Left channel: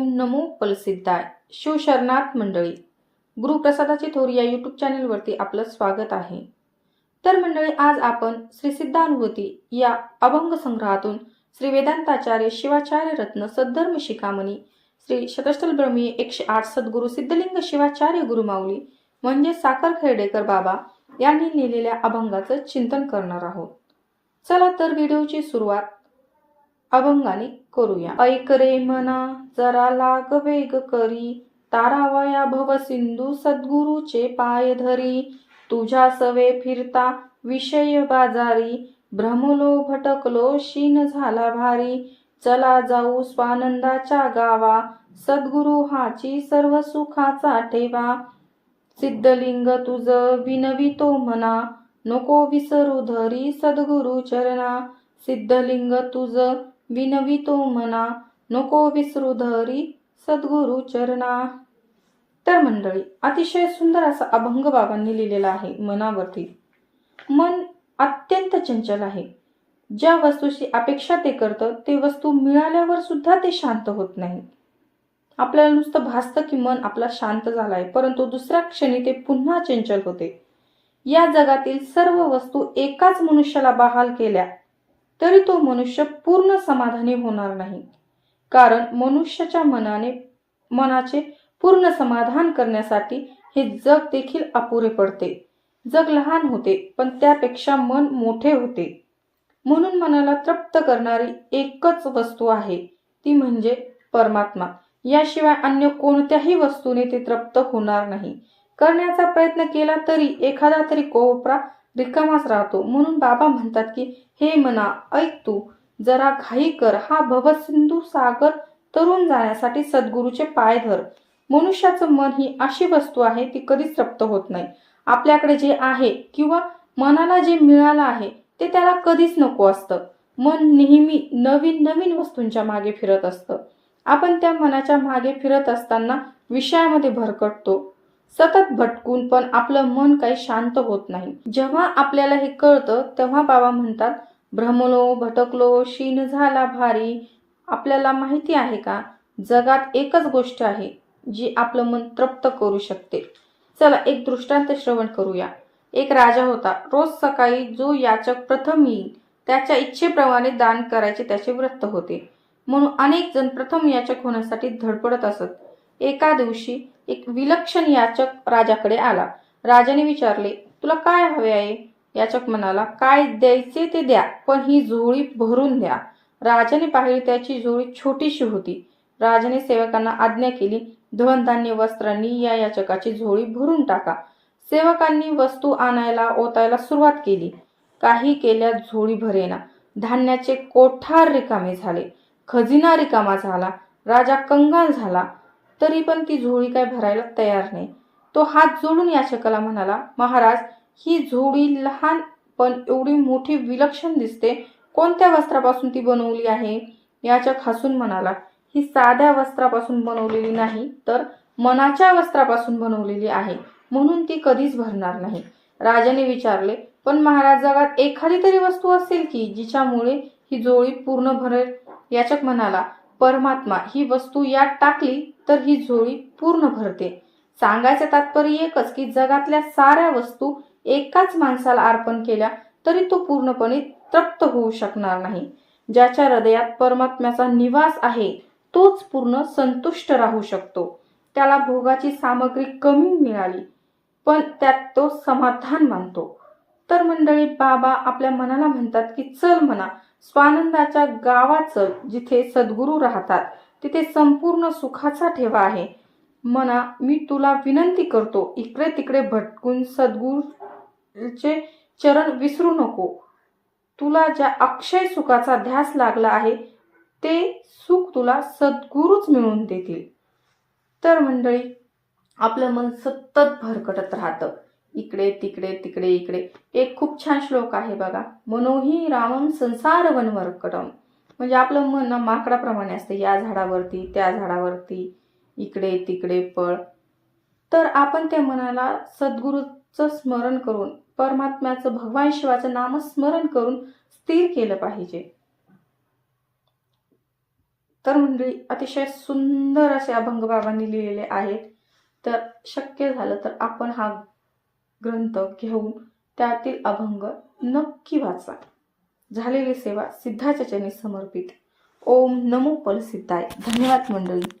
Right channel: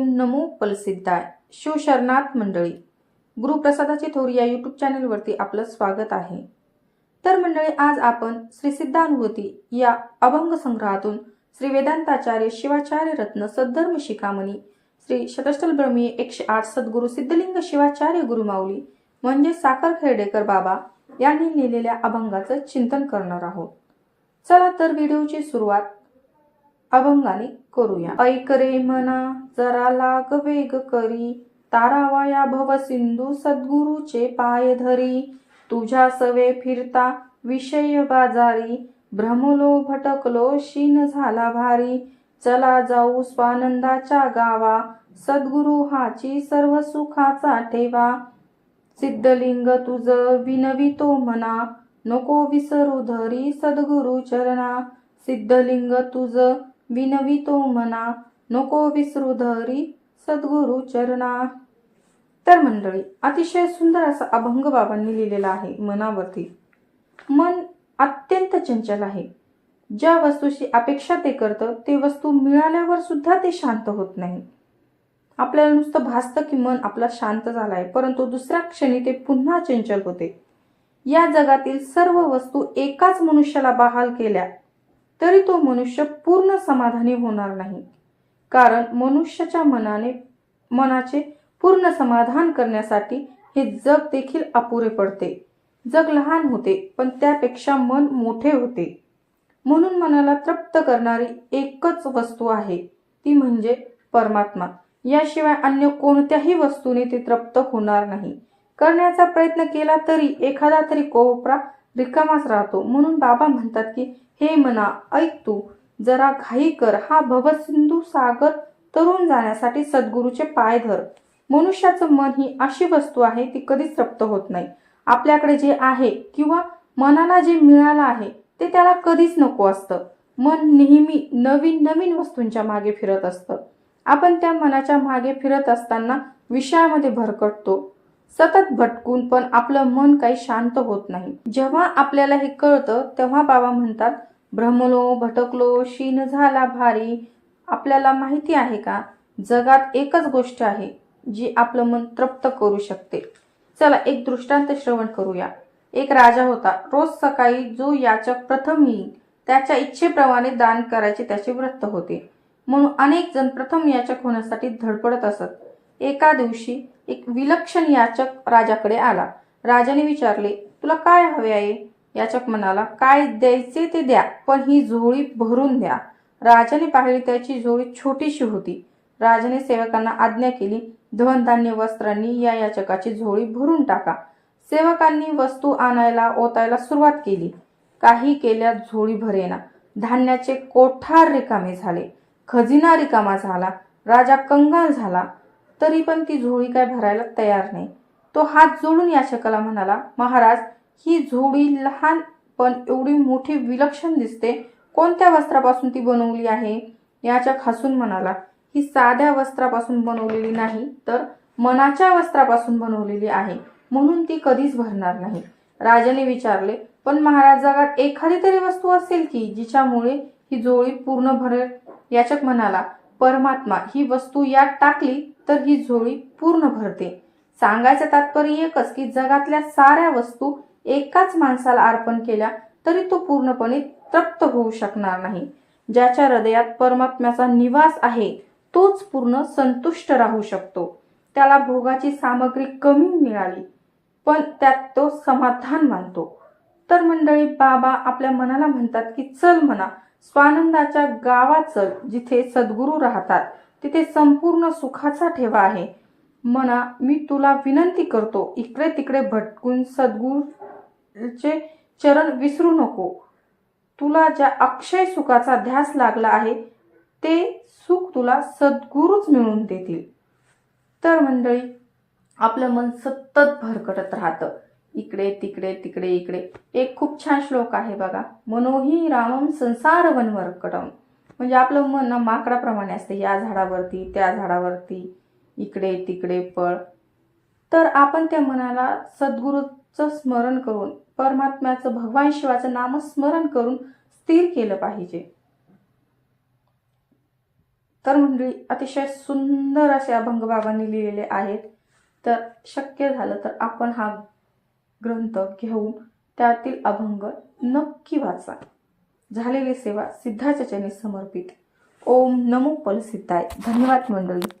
ओम नमो फलसिद्धाय. शिवशरणात मंडळी, गुरुप्रसादाची थोर या यूट्यूब चॅनलवरती आपलं स्वागत आहे. तर मंडळी, आज आपण श्री सिद्धानुभूती या अभंग संग्रहातून श्री वेदांताचार्य शिवाचार्य रत्न सद्धर्म शिखामणी श्री शतस्थल ब्रह्मी 108 सद्गुरु सिद्धलिंग शिवाचार्य गुरुमाऊली म्हणजे साखर खेडेकर बाबा यांनी लिहिलेल्या अभंगाचं चिंतन करणार आहोत. चला तर व्हिडिओची सुरुवात अभंगाने करूया. ऐक रे मना जरा लाग वेग करी, तारावया भव सिंधू सद्गुरूचे पाय धरी. तुझ्या सवे फिरता विषय बाजारी, भ्रमलो भटकलो शीन झाला भारी. चला जाऊ स्वानंदाच्या गावा, सद्गुरु हाची सर्व सुखाचा ठेवा. सिद्धलिंग तुझ विनवितो मना, नको विसरू धरी सद्गुरु चरणा. सिद्धलिंग तुझ विनवितो मना, नको विसरू धरी सद्गुरु चरणा. तर मंडळी, अतिशय सुंदर असा अभंग बाबांनी लिहिलेला आहे मनावरती. मन अत्यंत चंचल आहे. ज्या वस्तूची अपेक्षा ते करतं ते वस्तू मिळाल्यावर सुद्धा ते शांत होत नाही. आपल्याला नुसतं भासतं की मन आपला शांत झालाय, परंतु दुसऱ्या क्षणी ते पुन्हा चंचल होते. या जगातील सर्व वस्तू एकाच मनुष्याला बहाल केल्या तरी तो मनुष्य पूर्ण समाधानी होणार नाही. कारण मनुष्याच्या मनाचे पूर्ण समाधान करण्यासाठी हे जग देखील अपुरे पडते. जग लहान होते पण त्यापेक्षा मन मोठे होते. म्हणून मनाला तृप्त करणारी एकच वस्तू आहे, ती म्हणजे परमात्मा. याशिवाय अन्य कोणत्याही वस्तूने ते तृप्त होणार नाही. करण्याचा प्रयत्न केला तरी एखादा तरी कोपरा रिकामाच राहतो. म्हणून बाबा म्हणतात की हे मना ऐक, तू जरा घाई कर, हा भवसिंधू सागर तरुण जाण्यासाठी सद्गुरूचे पाय धर. मनुष्याचं मन ही अशी वस्तू आहे ती कधीच तृप्त होत नाही. आपल्याकडे जे आहे किंवा मनाला जे मिळालं आहे ते त्याला कधीच नको असतं. मन नेहमी नवीन नवीन वस्तूंच्या मागे फिरत असतं. आपण त्या मनाच्या मागे फिरत असताना विषयामध्ये भरकटतो. सतत भटकून पण आपलं मन काही शांत होत नाही. जेव्हा आपल्याला हे कळतं तेव्हा बाबा म्हणतात, भ्रमलो भटकलो शीन झाला भारी. आपल्याला माहिती आहे का, जगात एकच गोष्ट आहे जी आपलं मन तृप्त करू शकते. चला एक दृष्टांत श्रवण करूया. एक राजा होता. रोज सकाळी जो याचक प्रथम येईल त्याच्या इच्छेप्रमाणे दान करायचे त्याचे व्रत होते. म्हणून अनेक जण प्रथम याचक होण्यासाठी धडपडत असत. एका दिवशी एक विलक्षण याचक राजाकडे आला. राजाने विचारले, तुला काय हवे आहे? याचक म्हणाला, काय द्यायचे ते द्या, पण ही झोळी भरून द्या. राजाने पाहिली त्याची झोळी छोटीशी होती. राजाने सेवकांना आज्ञा केली, धनधान्य वस्त्रांनी या याचकाची झोळी भरून टाका. सेवकांनी वस्तू आणायला ओतायला सुरुवात केली. काही केल्या झोळी भरेना. धान्याचे कोठार रिकामे झाले. खजिना रिकामा झाला. राजा कंगाल झाला. तरी पण ती झोळी काय भरायला तयार नाही. तो हात जोडून याचकाला म्हणाला, महाराज, ही झोळी लहान पण एवढी मोठी विलक्षण दिसते. कोणत्या वस्त्रापासून ती बनवली आहे? याचक हसून म्हणाला, ही साध्या वस्त्रापासून बनवलेली नाही तर मनाच्या वस्त्रापासून बनवलेली आहे, म्हणून ती कधीच भरणार नाही. राजाने विचारले, पण महाराज, जगात एखादी तरी वस्तू असेल की जिच्यामुळे ही झोळी पूर्ण भरेल? याचक म्हणाला, परमात्मा, ही वस्तू यात टाकली तर ही झोळी पूर्ण भरते. सांगायचं तात्पर्य एकच की जगातल्या साऱ्या वस्तू एकाच माणसाला अर्पण केल्या तरी तो पूर्णपणे तृप्त होऊ शकणार नाही. ज्याच्या हृदयात परमात्म्याचा निवास आहे तोच पूर्ण संतुष्ट राहू शकतो. त्याला भोगाची सामग्री कमी मिळाली पण त्यात तो समाधान मानतो. तर मंडळी, बाबा आपल्या मनाला म्हणतात की चल मना, स्वानंदाच्या गावात चल, जिथे सद्गुरू राहतात, तिथे संपूर्ण सुखाचा ठेवा आहे. मना, मी तुला विनंती करतो, इकडे तिकडे भटकून सद्गुरूचे चरण विसरू नको. तुला ज्या अक्षय सुखाचा ध्यास लागला आहे ते सुख तुला सद्गुरूच मिळवून देतील. तर मंडळी, आपलं मन सतत भरकटत राहतं, इकडे तिकडे तिकडे इकडे. एक खूप छान श्लोक आहे बघा, मनोही रामम संसार वनमर्कटम. म्हणजे आपलं मन माकडाप्रमाणे असते, या झाडावरती त्या झाडावरती इकडे तिकडे पळ. तर आपण त्या मनाला सद्गुरूचं स्मरण करून, परमात्म्याचं, भगवान शिवाचं नामस्मरण करून स्थिर केलं पाहिजे. तर मंडळी अतिशय सुंदर असे अभंग बाबांनी लिहिलेले आहेत. तर शक्य झालं तर आपण हा ग्रंथ घेऊन त्यातील अभंग नक्की वाचा. झालेली सेवा सिद्धाच्या चरणी समर्पित. ओम नमो परसिद्धाय. धन्यवाद मंडळी.